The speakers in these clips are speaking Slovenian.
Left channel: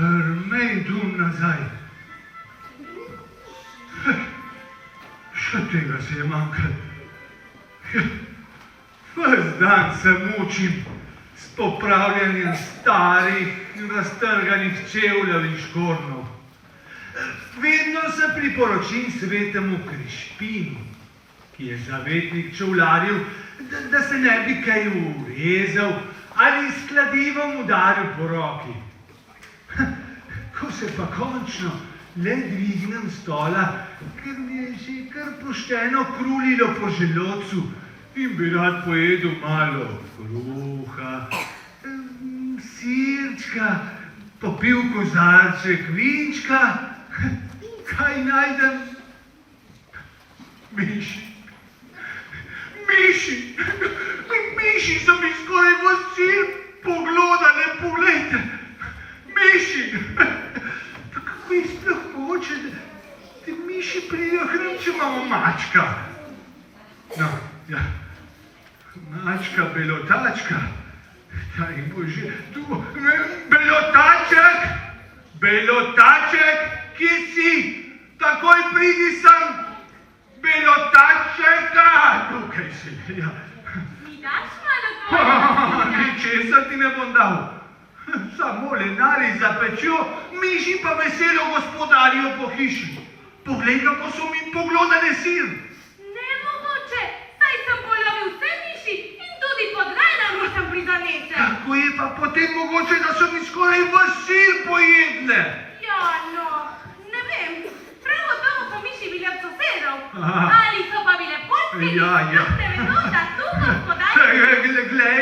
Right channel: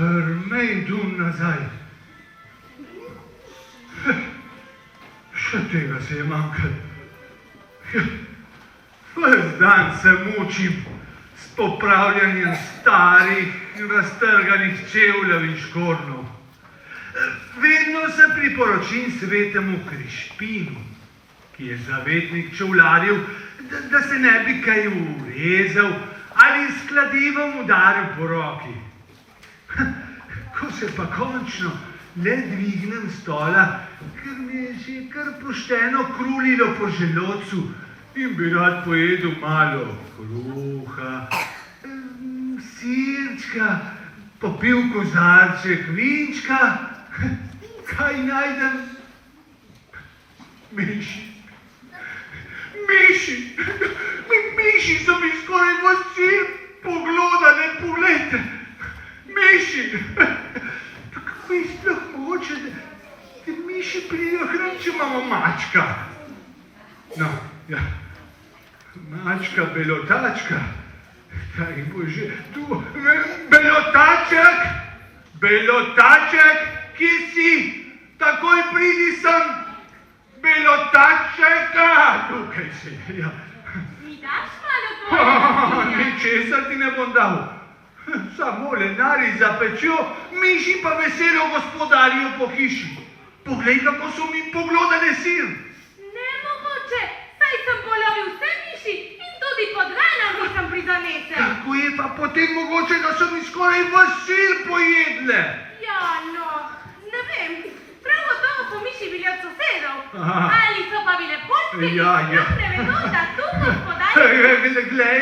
Prmej dum nazaj. Še tega se je manjkalo. Ves dan se mučim s popravljanjem starih, raztrganih čevljev in škornov. Vedno se priporočim svetemu Krišpinu, ki je zavetnik čevljarjev, da se ne bi kaj urezal ali s kladivom udaril po roki. Ko se pa končno le dvignem stola, ker mi je že kar pošteno krulilo po želodcu in bi rad pojedel malo kruha, sirčka, popil kozarček vinčka, kaj najdem? Miši. Miši so mi skoraj v cilj poglodale, poglejte. Miši. Kako je sploh mogoče, da miši pridejo k nam, če imamo mačka? No, ja. Mačka, belotačka. Daj Bože, tu. Belotaček, kje si? Takoj pridi sem. Belotačeka, tukaj si, ja. Mi daš malo tvojega? Ničesar ti ne bom dal. Samo lenari zapečjo, miši pa veselo gospodarijo po hiši. Poglej, kako so mi poglodane sir. Nemogoče, saj sem polovil vse miši in tudi podgana nisem prizanesel. Kako je pa potem mogoče, da so mi skoraj ves sir pojedle? Ja, no, ne vem, prav gotovo po miši bili od sosedov. Ali so pa bile podpili, Ja. ne vedo, da tu gospodari... Glej,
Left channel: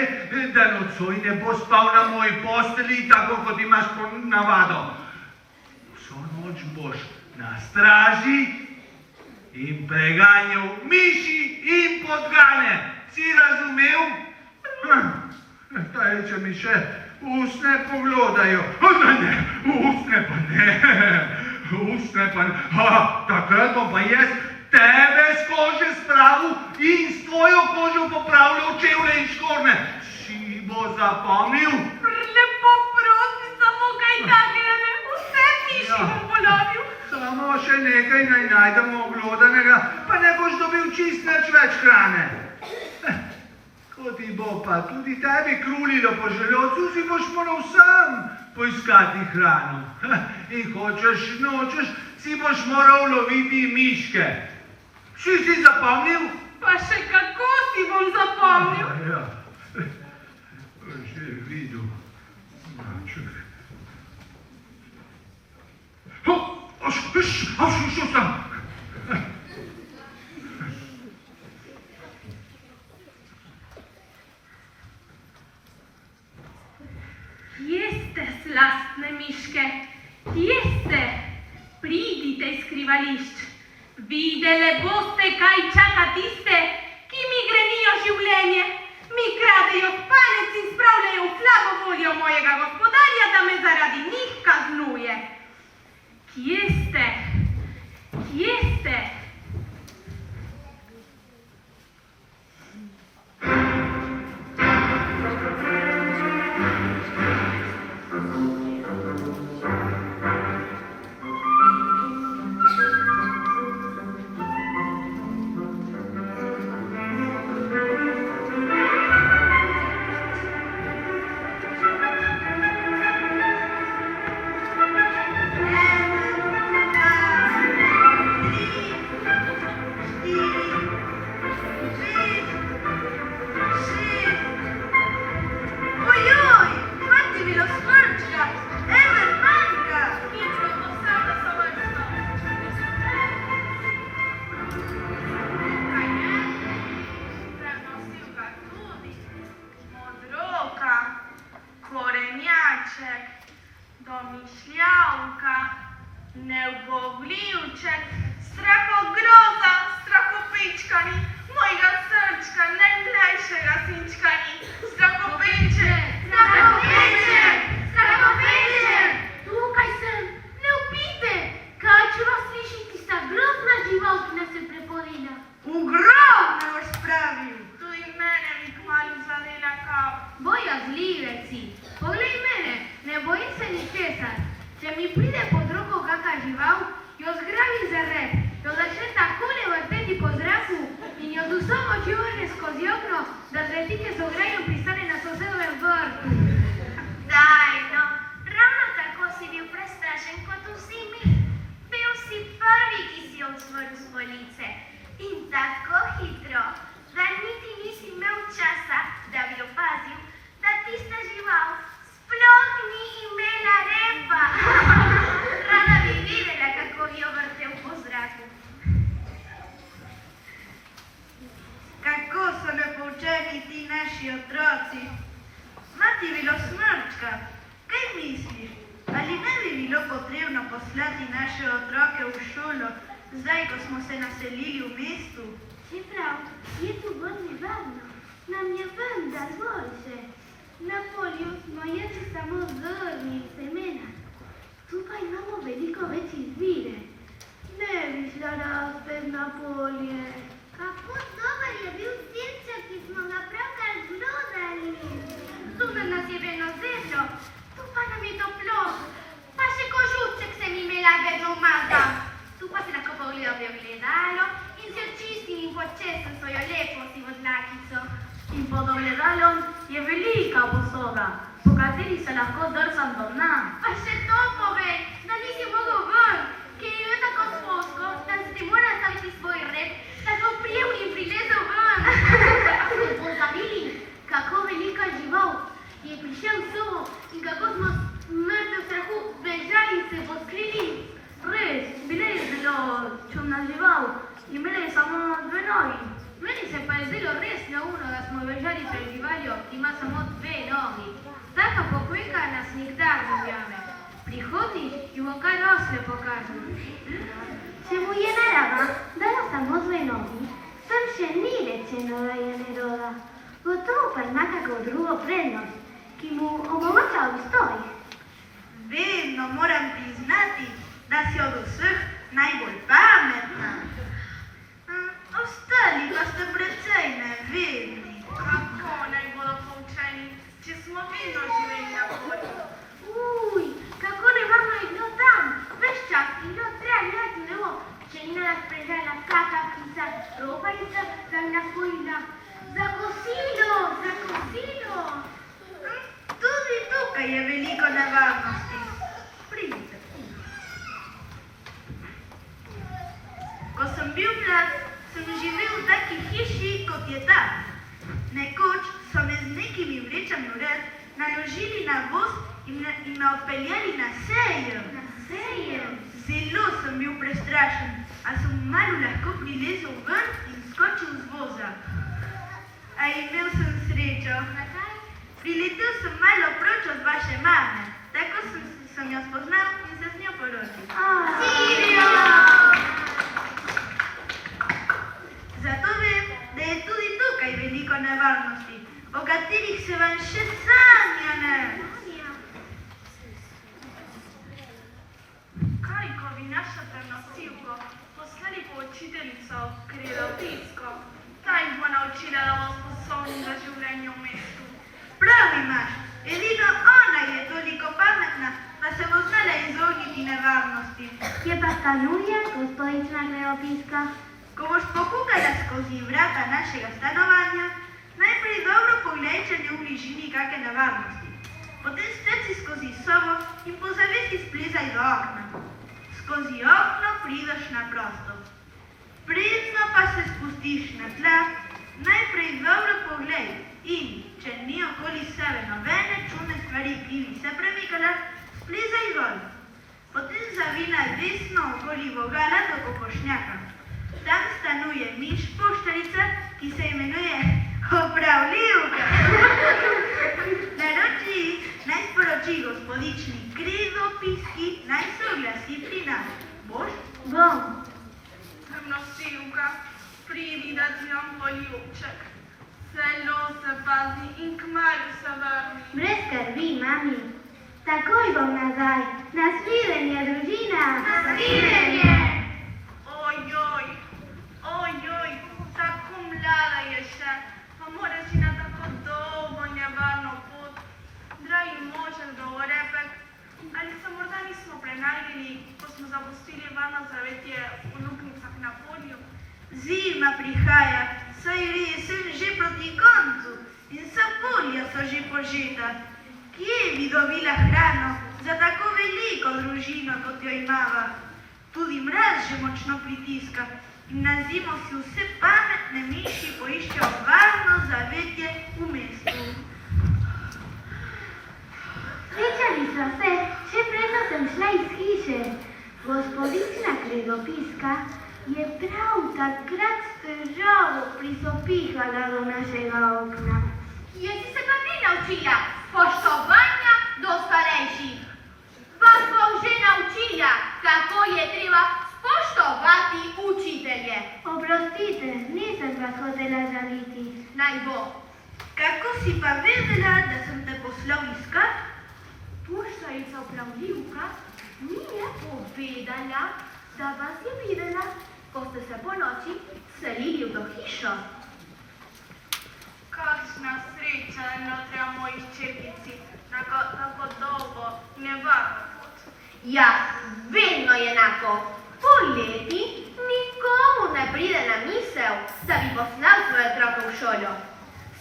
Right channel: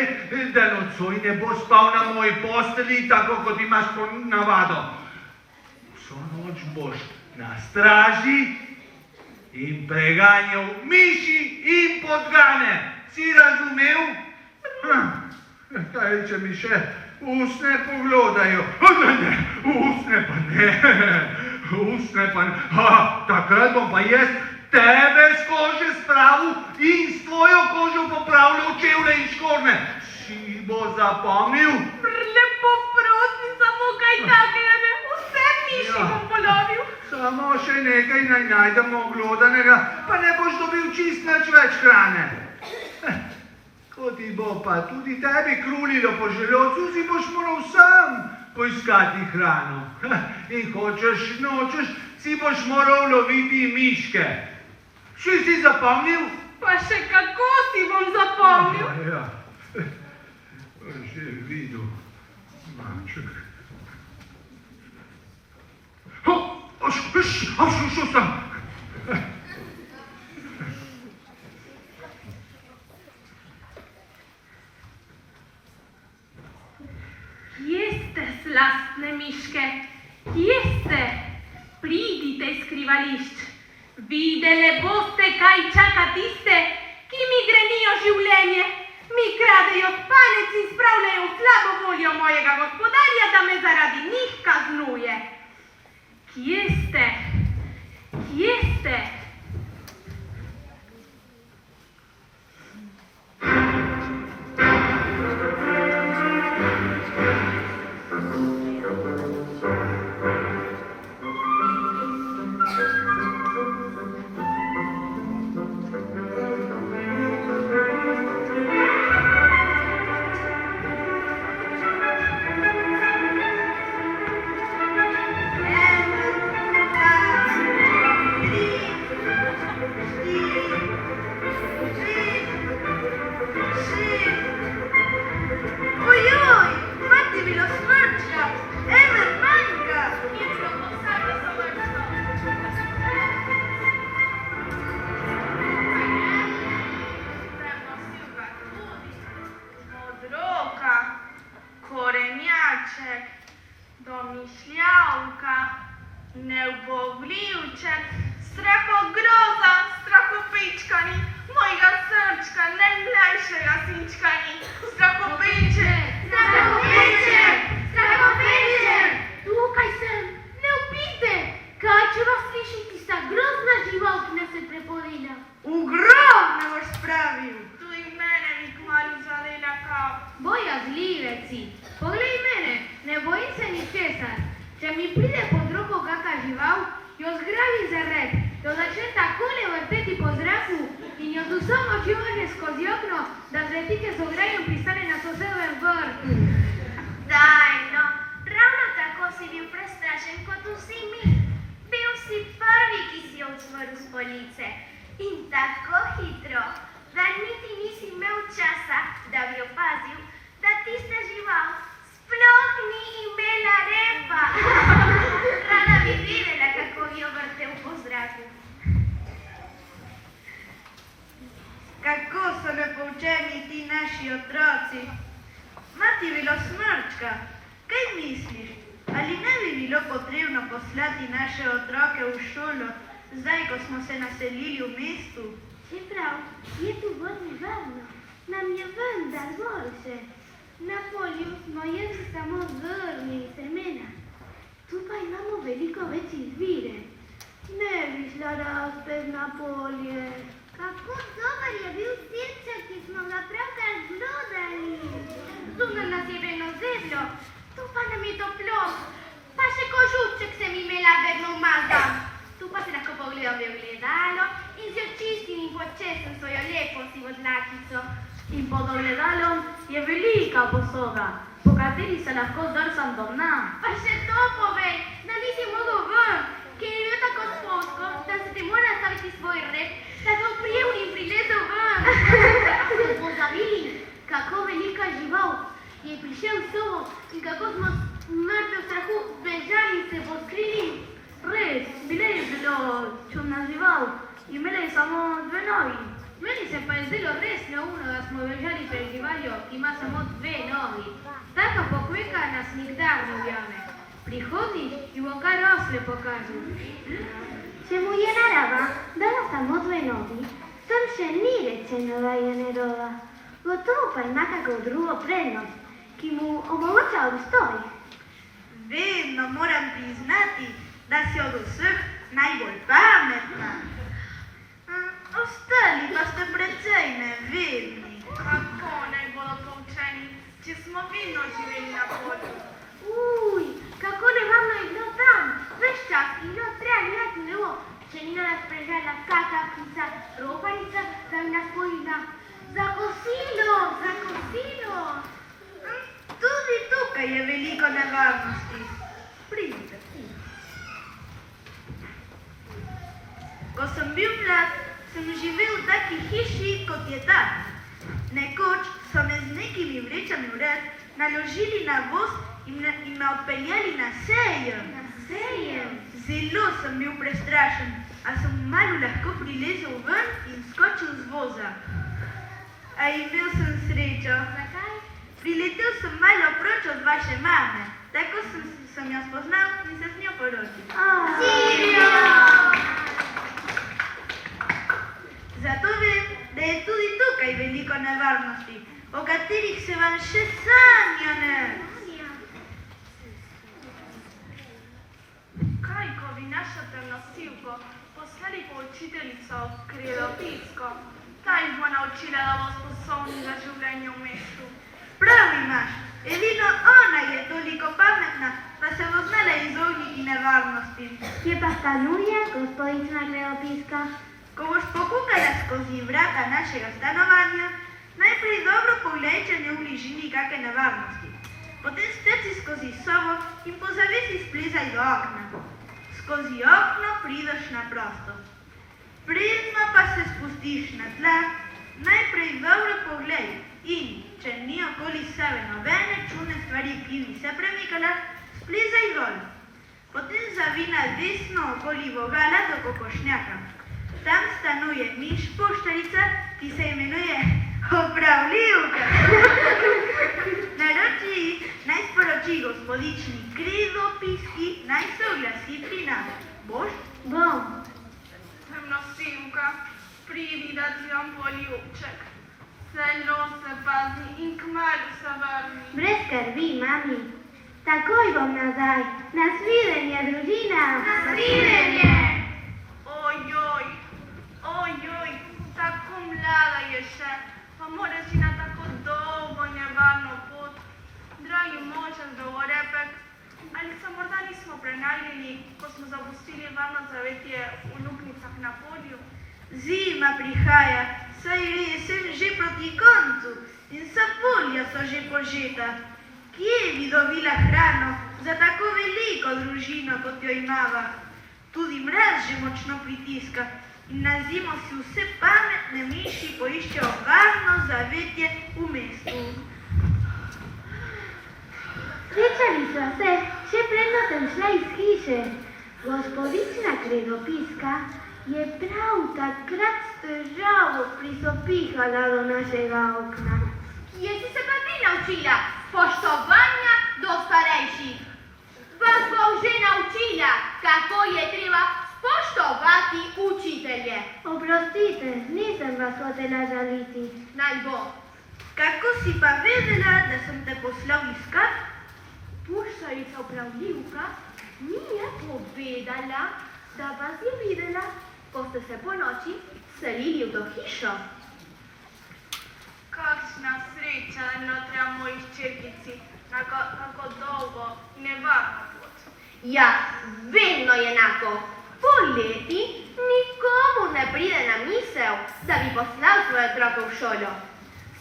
da nocoj ne bo spal na moji posteli, tako kot imaš po navado. Vso noč boš na straži in preganjal miši in podgane. Si razumel? Kaj, če mi še usne poglodajo. Ne, usne pa ne. Usne pa ne. Takrat bom pa jaz tebe z kože spravil in s tvojo kožo popravljal čevlje in škorne. Si bo zapomnil? Lepo prosim, samo kaj takega, vse miši bom polovil. Samo še nekaj naj najdemo oglodanega, pa ne boš dobil čist nič več hrane. Ko ti bo pa tudi tebi krulilo po želodcu, si boš moral sam poiskati hrano. In hočeš, nočeš, si boš moral loviti miške. Si zapomnil? Pa še kako si bom zapomnil? Ja. Že videl. Maček. Šel sem. Kje ste, slastne miške? Kje ste? Pridite iz skrivališč. Videle boste, kaj čaka tiste, ki mi grenijo življenje. Mi kradejo spanec in spravljajo v slabo voljo mojega gospodarja, da me zaradi njih kaznuje. Kje ste? Kje ste? tu samo čuvanje skozi okno, da tretike z ograjem pristane na sosedovem vrtu. Daj, no, ravno tako si bil prestrašen kot vsi mi. Bil si prvi, ki si odsvoril z police. In tako hitro, da niti nisi imel časa, da bi opazil, da tista žival sploh ni imela repa. Rada bi videla, kako bi jo vrtel po zraku. Kako so nepoučeni ti naši otroci. Mati bilo smrčka, kaj misliš? Ali ne bi bilo potrebno poslati naše otroke v šolo, zdaj, ko smo se naselili v mestu? Čeprav je tu bolj nevarno, nam je vendar boljše. Na polju smo jedli samo zrnje in semena. Tu pa imamo veliko več izbire. Ne bi šla razpet na polje. Kako dober je bil sirček, ki smo ga pravkar glodali. Zunaj nas je vedno zeblo, tu pa nam je toplo. Pa še kožuček sem imela vedno umazan. Tu pa se lahko pogledam v ogledalo in se očistim in počesam svojo lepo sivo dlakico. In pod ogledalom je velika posoda, po kateri se lahko drsam do dna. Pa še to povej, da nisi mogel ven, ker je bil tako spolsko, da se ti mora staviti svoj rep, da ga oprijel in prilezel ven. Smo pozabili, kako velika žival je prišel v sobo in kako smo mrtvi v strahu bežali in se poskrili. Res, bila je zelo čudna žival, imela je samo dve nogi. Meni se pa je zdelo res neumno, da smo bežali pred živaljo, ki ima samo dve nogi. Taka pokojka nas nikdar ne ujame. Prihodi ji bo kar osle pokazal. Če mu je narava dala samo dve nogi, s tem še ni rečeno, da je neroda. Gotovo pa ima kako drugo prednost, ki mu omogoča obstoj. Vedno moram priznati, da si od vseh najbolj pametna. Ostali pa ste precej nevedni. Kako najbolj poučeni, če smo vedno živeli na polju. Uj, kako nevarno je bilo tam. Ves čas je bilo treba gledati v nebo, če ni nas prežala kaka ptica, roparica, daljna spojina. Za kosilo, za kosilo. Tudi tukaj je veliko nevarnosti. Pridite. Ko sem bil mlad, sem živel v taki hiši, kot je ta. Nekoč so me z nekimi vrečami vred naložili na voz in me odpeljali na sejem. Na sejem. Zelo sem bil prestrašen, a sem malo lahko prilezel ven in skočil z voza. A imel sem srečo. Zakaj? Priletel sem malo proč od vaše mame. Tako sem jo spoznal in se z njo poročil. Silvio! Zato vem, da je tudi tukaj veliko nevarnosti, o katerih se vam še sanja ne. Kaj, ko bi našo trnosilko poslali po učiteljico krilopisko, ta jih bo naučila, da bo sposobni za življenje v mestu. Prav imaš, edino ona je toliko pametna, da se bo znala izogniti nevarnosti. Kje pa sta Nurija, gospodična Kleopiska? Ko boš pokukala skozi vrata našega stanovanja, najprej dobro pogledaj, če ni v bližini kakšne nevarnosti. Potem strci skozi sobo in po zavesi splezaj do okna. Skozi okno prideš na prosto. Predno pa se spustiš na tla, najprej dobro pogledaj in, če ni okoli sebe nobene čudne stvari, ki bi se premikala, splezaj dol. Potem zavina desno okoli vogala do kokošnjaka. Tam stanuje miš poštarica, ki se imenuje opravljivka. Naroči naj sporoči gospodični krizopiski, naj se oglasi pri nas. Boš? Bom. Trnosilka, pridi, da ti vam poljubček. Zelo se pazi in kmalu se vrni. Brez skrbi, mami. Takoj bom nazaj. Nasvidenje, družina. Nasvidenje! Ojoj, tako mlada je še, pa mora si na tako dolgo nevarno pot. Dragi može, dolgorepek, ali se morda nismo prenaljeni, ko smo zapustili varno zavetje v luknjicah na polju? Zima prihaja, saj sem že proti koncu in sam polja so že požeta. Kje bi dobila hrano za tako veliko družino, kot jo imava? Tudi mraz že močno pritiska in na zimo si vse pametne miši poiščejo varno zavetje v mestu. Srečali sva se, še predno sem šla iz hiše. Gospodična Kredopiska je prav takrat s težavo prisopihala do našega okna. Jesi se pa ti naučila spoštovanja do starejših? Vas bom že naučila, kako je treba spoštovati učitelje. Oprostite, nisem vas hotela žaliti. Naj bo. Kako si pa vedela, da sem te poslal iskat? Puščarica upravljivka mi je povedala, da vas je videla, ko ste se po noči selili v to hišo. Kakšna sreča notra moji hčerkici, kako dolgo nevarno pot. Ja, vedno je enako. Poleti nikomu ne pride na misel, da bi poslal svoje otroke v šolo.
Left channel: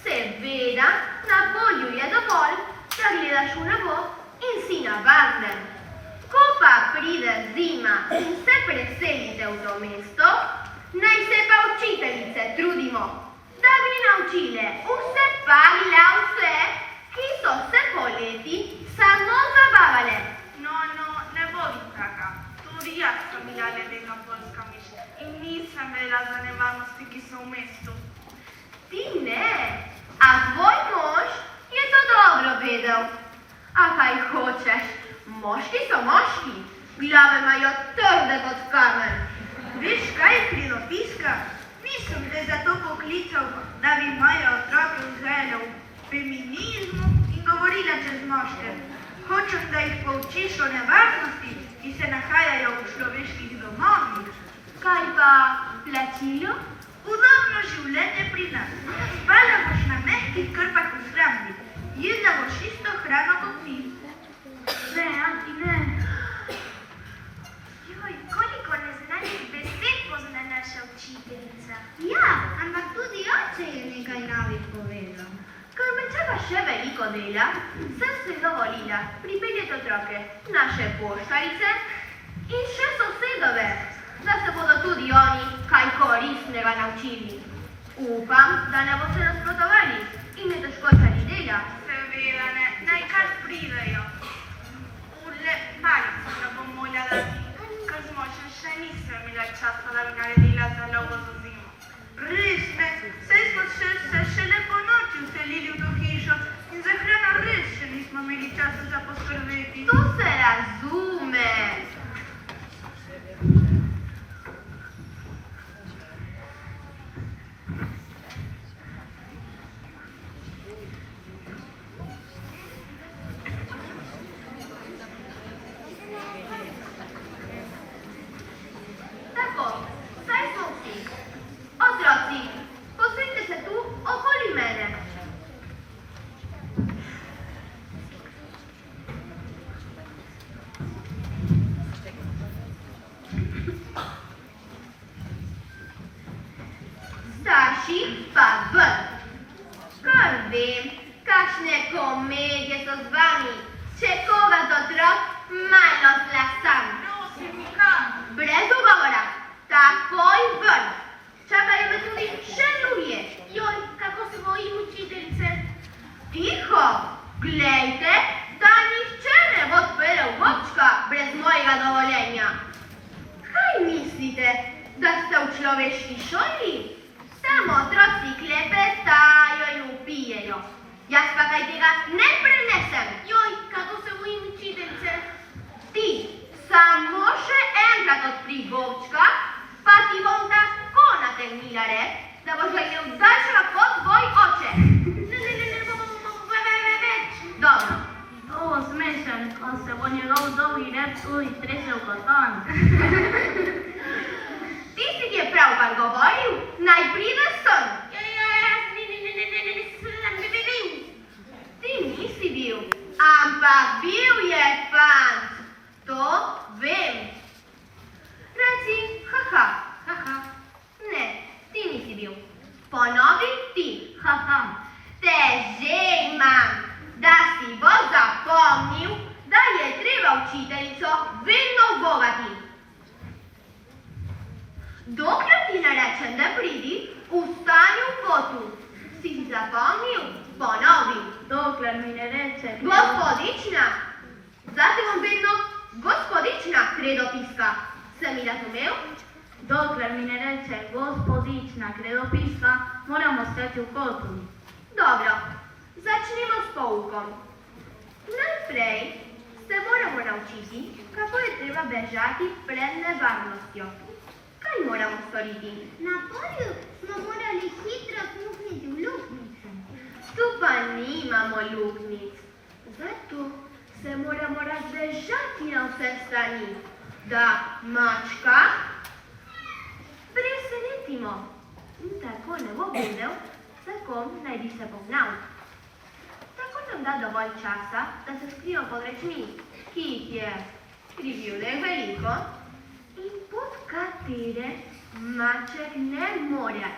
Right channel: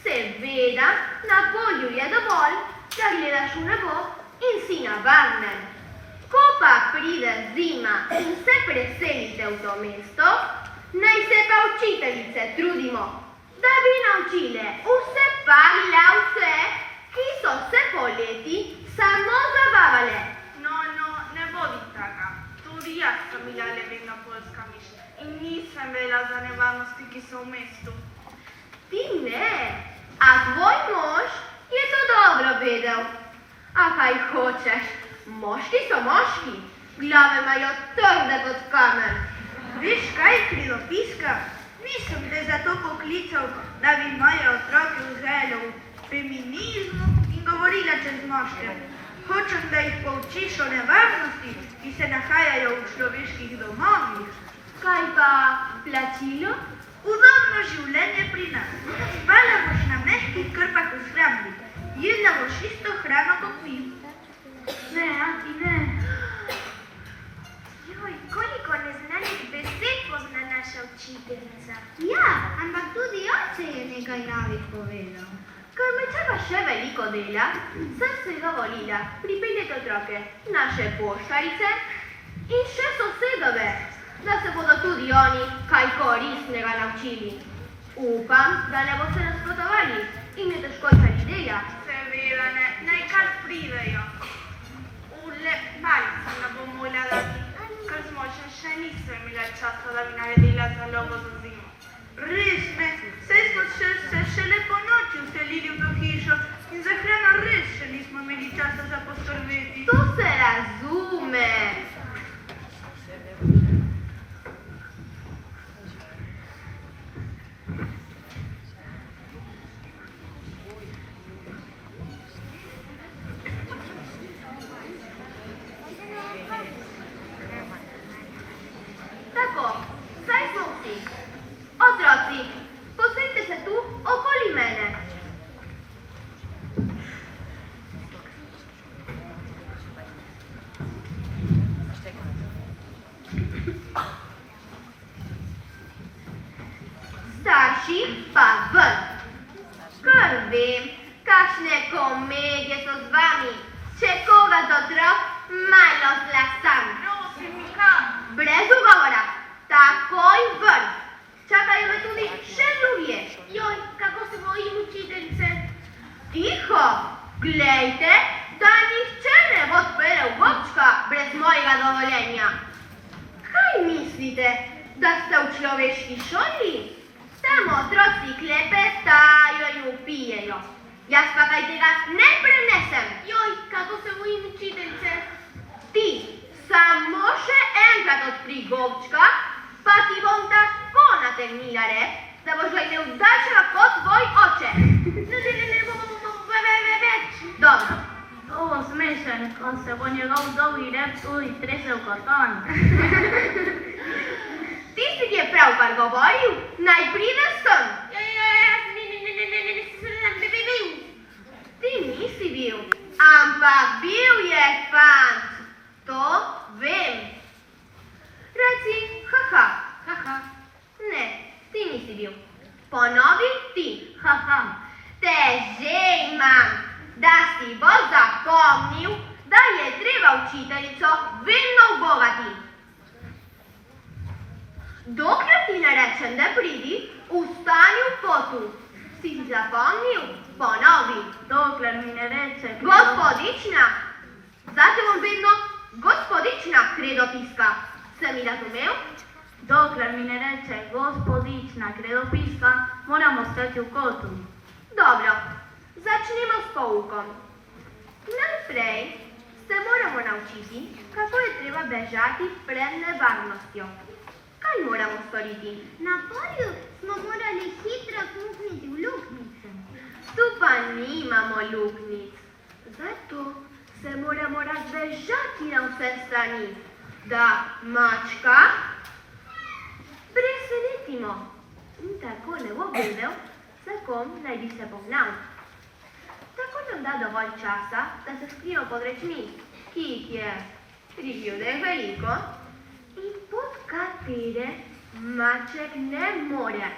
Seveda, na polju je dovolj, da gledaš v nebo in si na varnem. Ko pa pride zima in se preselite v to mesto, naj se pa učiteljice trudimo, da bi naučile vse pavljavce, ki so se poleti samo zabavale. No, ne bodi taka. Tudi jaz sem bila ledena poljska miš in nisem vedela za nevarnosti, ki so v mestu. Ti ne, a tvoj mož je to dobro vedel. A kaj hočeš? Moški so moški, glave imajo trde kot kamen. Veš kaj, Kredopiska? Nisem te zato poklical, da bi moje otroke vzgajala v feminizmu in govorila čez moške. Hočem, da jih poučiš o nevarnosti, ki se nahajajo v človeških domovih. Kaj pa plačilo? Udobno življenje pri nas. Spala boš na mehkih krpah v shrambi. Jedla boš isto hrano kot mi. Ne, Anti, ne. Joj, koliko neznanih besed pozna naša učiteljica. Ja, ampak tudi oče je nekaj novih povedal. Ker me čaka še veliko dela, sem se dovolila pripeljati otroke naše poštarice in še sosedove, da se bodo tudi oni kaj koristnega naučili. Upam, da ne boste nasprotovali in ne težkočali dela. Seveda ne, naj kar pridejo. Malico ne bom moljala, ker z močem še nisem imela časa, da bi naredila zalogo za zimo. Res ne, saj smo se šele po noči vselili v to hišo in za hrano res še nismo imeli časa za poskrbeti. To se razume. Tako, saj smo vsi. Otroci, posedite se tu okoli mene. Starši pa ven. Kar vem, kakšne komedije so z vami. Če koga z otrok, malo zlastan. Prosim, kam? Brez ugovora, takoj ven. Čakajo me tudi še drugi. Joj, kako se bojim učiteljice. Tiho, glejte, da nihče ne bo odprl gobčka brez mojega dovoljenja. Kaj mislite, da ste v človeški šoli? Tam otroci klepetajo in vpijejo. Jaz pa kaj tega ne prenesem. Joj, kako se bojim učiteljice. Ti samo še enkrat odpri gobčka, pa ti bom tako nategnila rep, da boš ga imel daljšega kot tvoj oče. Več. Dobro. To bo smešen, ko se bo njegov dolgi rep tudi stresel kot on. Tisti, ki je pravkar govoril, naj pride sem. Ne bi bil. Ti nisi bil, ampak bil je fant. To vem. Reci, haha. Haha. Ne, ti nisi bil. Ponovi ti, haha. Te že imam, da si bo zapomnil, da je treba učiteljico vedno ubogati. Dokler ti ne rečem, da pridi, ustani v kotu. Si zapomnil? Ponovi. Dokler mi ne reče, Gospodična. Zate bom vedno gospodična, kredopiska. Se mi razumel? dokler mi ne reče gospodična kredopisca, moramo stati v kotu. Dobro, začnemo s poukom. Najprej se moramo naučiti, kako je treba bežati pred nevarnostjo. Kaj moramo storiti? Na polju smo morali hitro smukniti v luknjice. Tu pa nimamo luknjic. Zato se moramo razbežati na vse strani, da mačka presenetimo. In tako ne bo vedel, s kom naj bi se pognal. Tako nam da dovolj časa, da se skrijo pod rečmi, ki jih je pribilne veliko in pod katere maček ne more.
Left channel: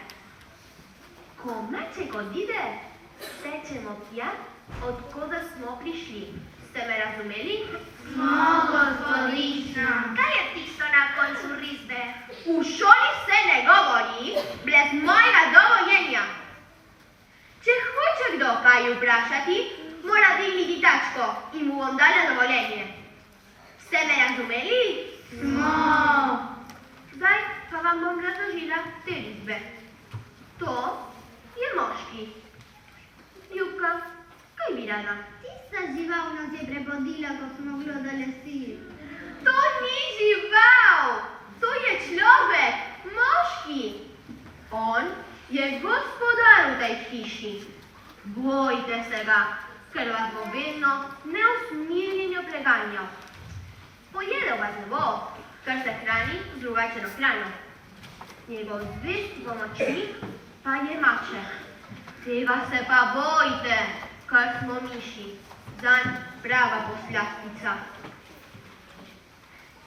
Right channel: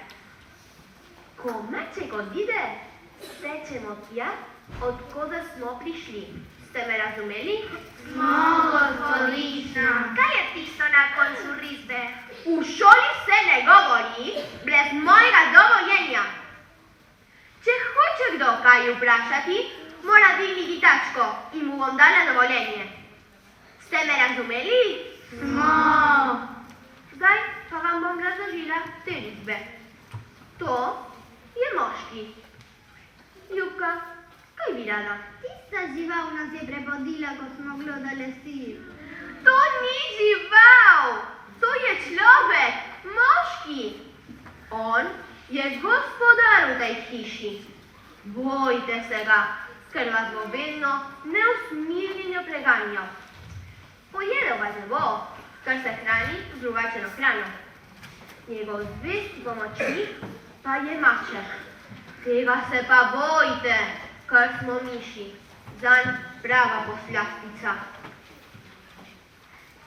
Ko maček odide, stečemo tja, odkoda smo prišli. Ste me razumeli? Smo, gospodična. Kaj je tisto na koncu risbe? V šoli se ne govori brez mojega dovoljenja. Če hoče kdo kaj vprašati, mora dvigniti tačko in mu bom dala dovoljenje. Ste me razumeli? Smo. Zdaj pa vam bom razložila te risbe. To je moški. Ljubka, kaj bi rada? Tista žival nas je prepodila, ko smo gledali film. To ni žival, to je človek, moški. On je gospodar v tej hiši. Bojte se ga, ker vas bo vedno neusmiljeno preganjal. Pojedel vas ne bo, ker se hrani z drugačeno hrano. Njegov zvesti pomočnik pa je maček. Tega se pa bojte, ker smo miši. Zanj prava poslastica.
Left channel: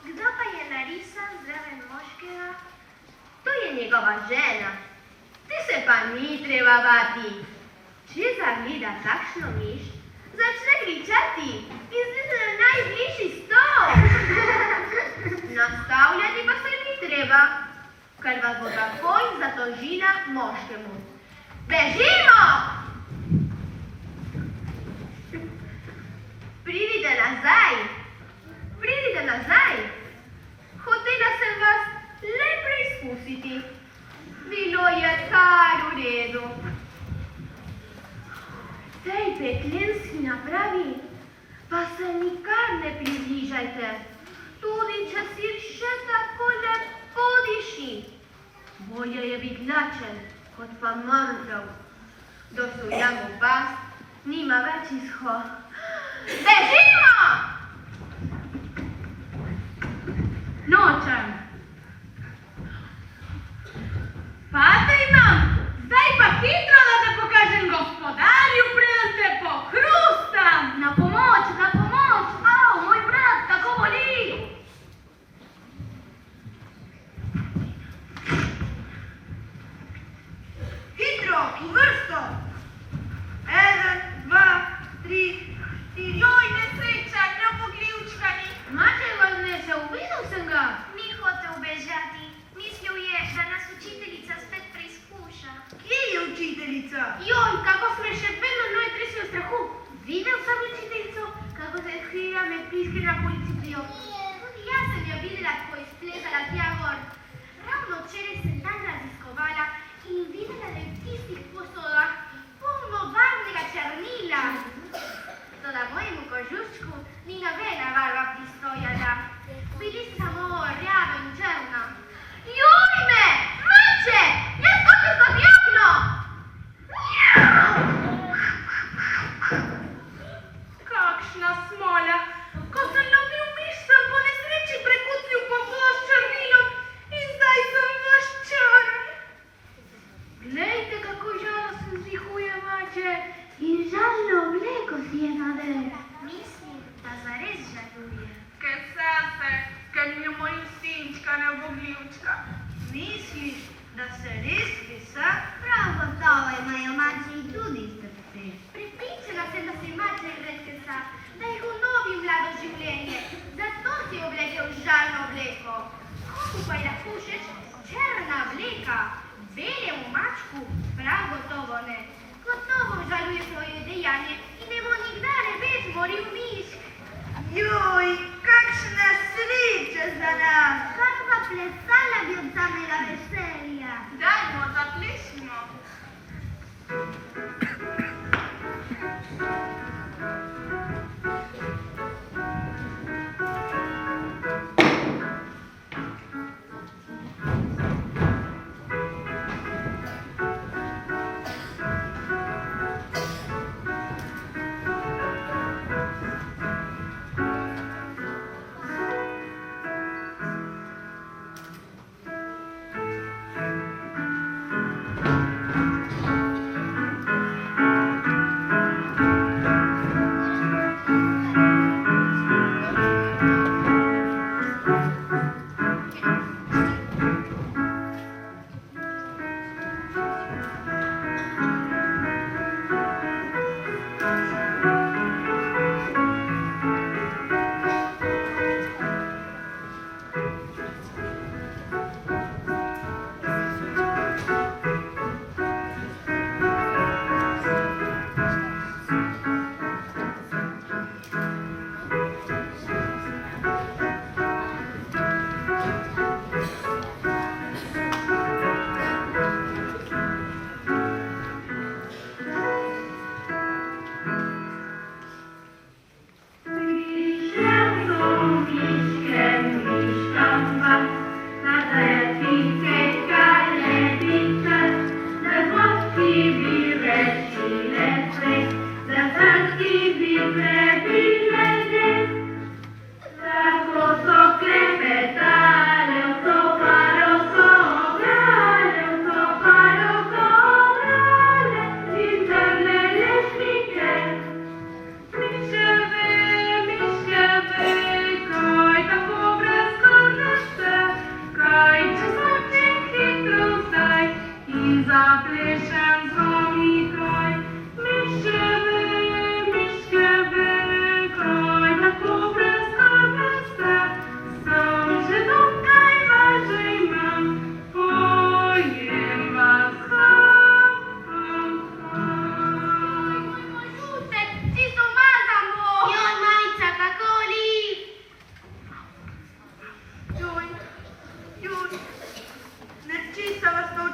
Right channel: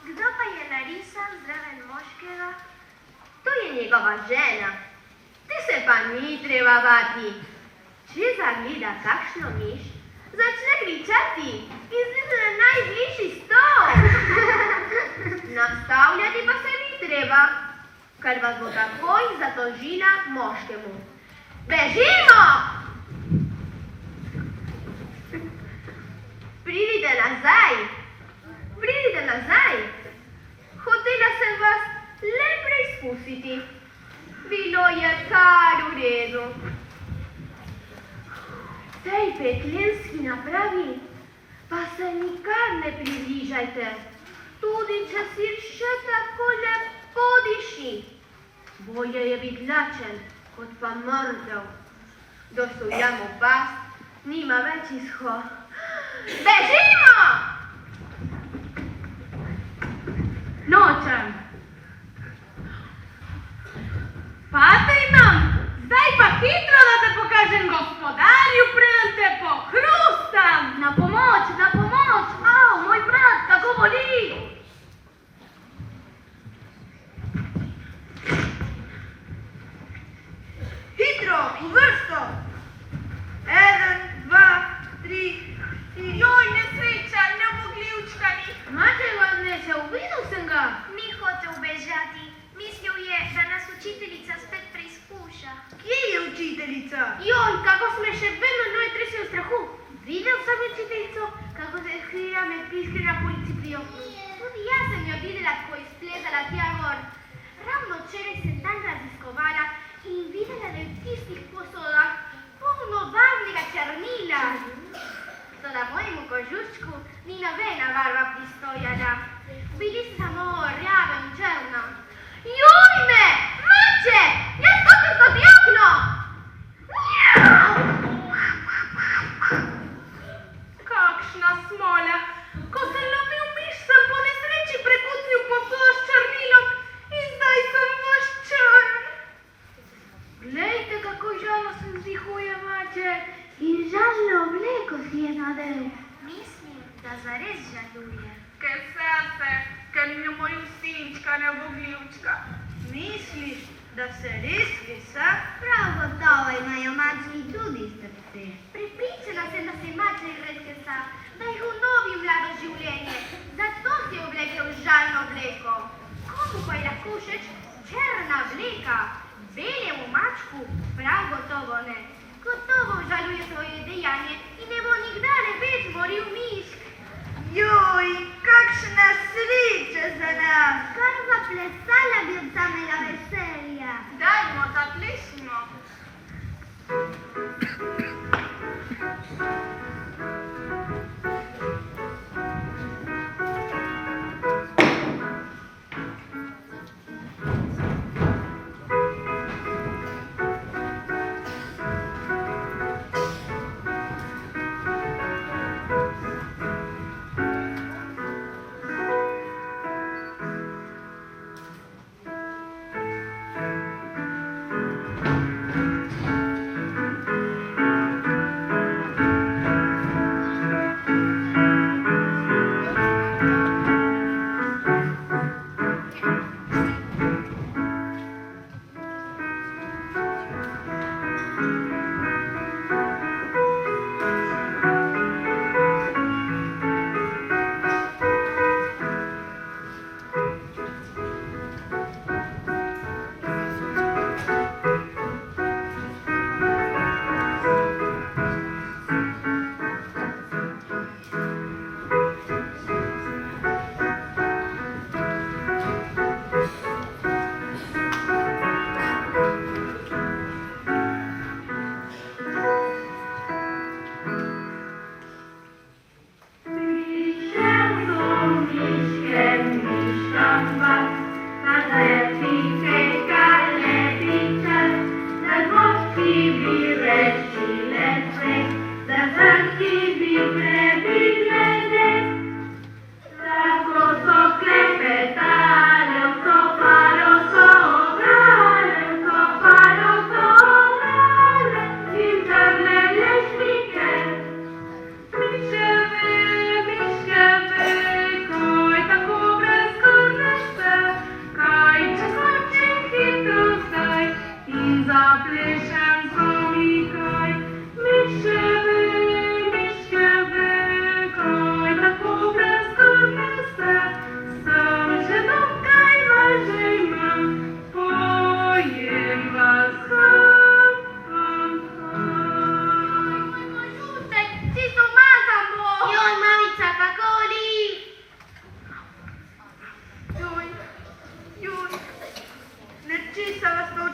Kdo pa je narisan zraven moškega? To je njegova žena. Ti se pa ni treba bati. Če zagleda kakšno miš, začne kričati in zleze na najbližji stol. Nastavljati pa se ni treba, ker vas bo takoj zatožila moškemu. Bežimo! Pridite nazaj! Pridite nazaj! Hotela sem vas le preizkusiti. Bilo je kar v redu. Tej peklenski napravi pa se nikar ne približajte, tudi če si še tako lepo diši. Bolje je biti lačen, kot pa mrtev. Dosujamo pas, nima več izhod. Bežimo! Nočem. Patrino, zdaj pa hitro, da te pokažem gospodarju, preden te pohrustam. Na pomoč, na pomoč! Au, moj brat, kako boli! Hitro, v vrsto! 1, 2, 3, 4. Joj, nesreča, nepogljivčkani. Maček vas nesel, videl sem ga. Ni hotel bežati. Mislil je, da nas učiteljica spet preizkuša. Kje je učiteljica? Joj, kako sme še vedno noj tresi v strahu. Videl sem učiteljico, kako se je skrila med piski na polici pri oknu. Tudi jaz sem jo videla, ko je spletala tja gor. Ravno včeraj sem tam raziskovala in videla, da je v tistih posodah polno barvnega črnila. Toda mojemu kožuščku ni nobena barva pristojana. Bili samo rjava in črna. Joj me! Mače! Jaz skočil skozi okno! Kakšna smola! Ko sem lovil miš, sem po nesreči prekucnil povod s črnilom in zdaj sem maščan. Glejte, kako žalostno vzdihuje maček in žalno obleko si je nadel. Mislim, da zares žaluje. Ker srce, ker mi je moj sinčka ne bo gljivčka. Misliš, da se res visa? Prav one. Gotovo žaluje svoje dejanje i ne bo nikdar več moril mišk. Joj, kakšna sreča za nas! Kakva plesala bi od samega veselja. Dajmo, zaplešimo.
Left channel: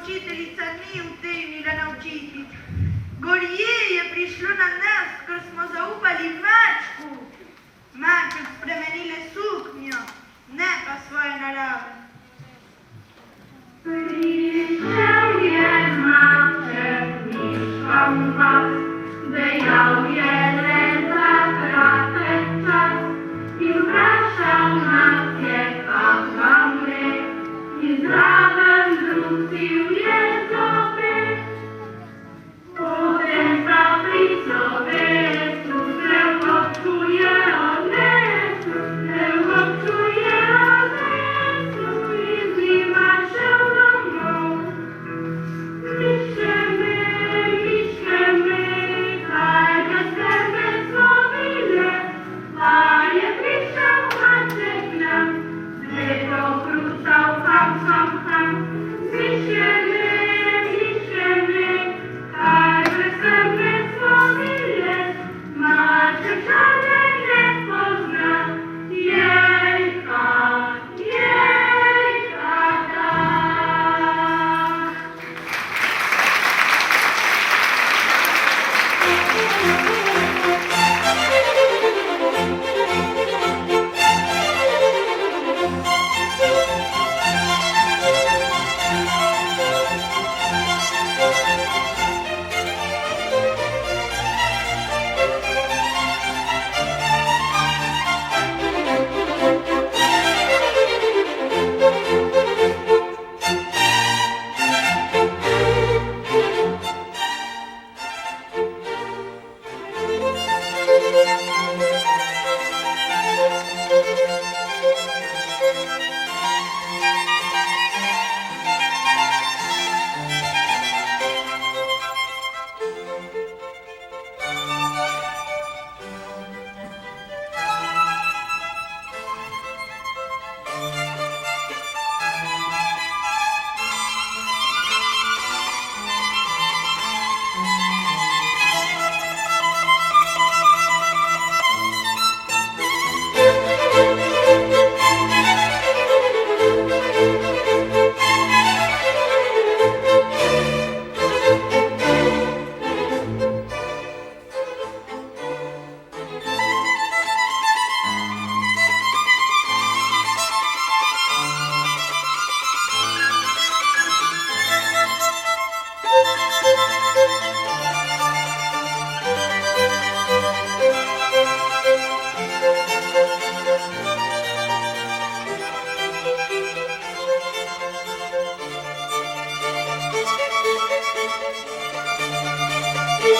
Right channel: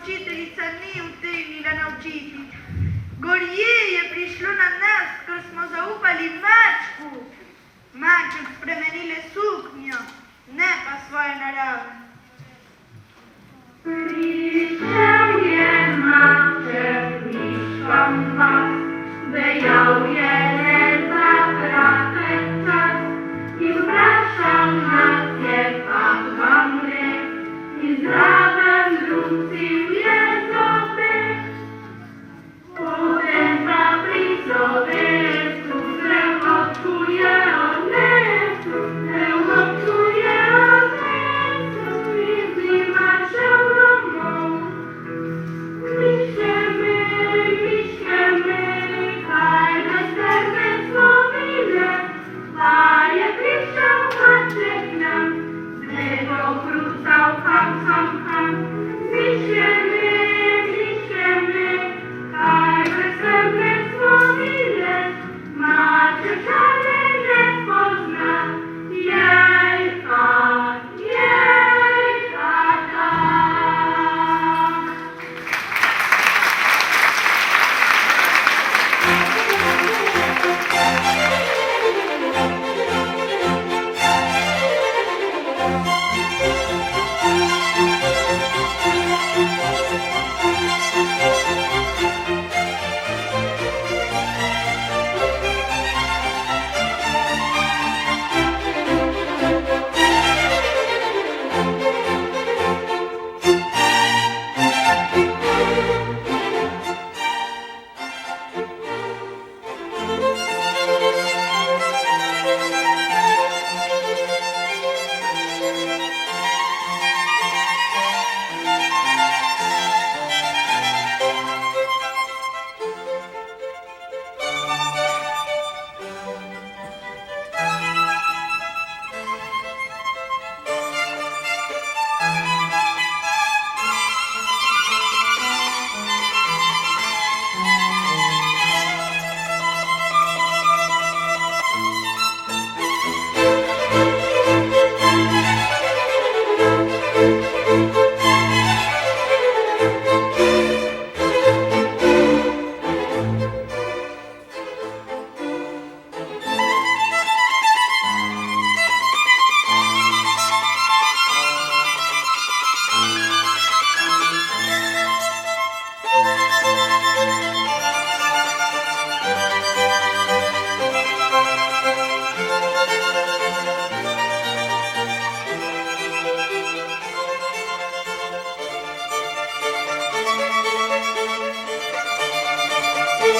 Učiteljica ni utegnila naučiti. Gorje je prišlo na nas, ko smo zaupali mačku. Maček spremenile suknjo, ne pa svoje narave. Prišel je maček miškom vas, dejal je le za kratek čas in vprašal nas je, kam vam gre, in zraven brusil je zopet. Potem pa pri slovesu se vnočuje odnesu, se vnočuje odnesu in zima šel domov. Miške me, kaj na sebe slovile, da je prišel maček nam, zledo krusal kam. Miške me, kaj na sebe slovile, maček žale ne pozna, jej, tata.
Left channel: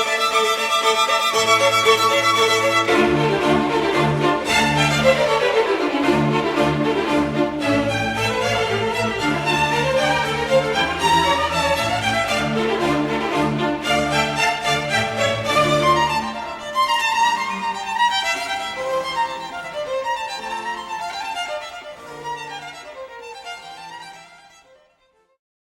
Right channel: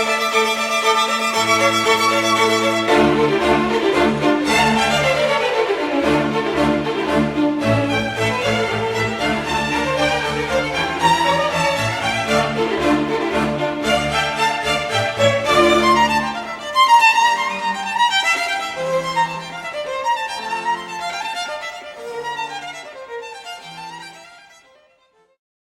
Thank you.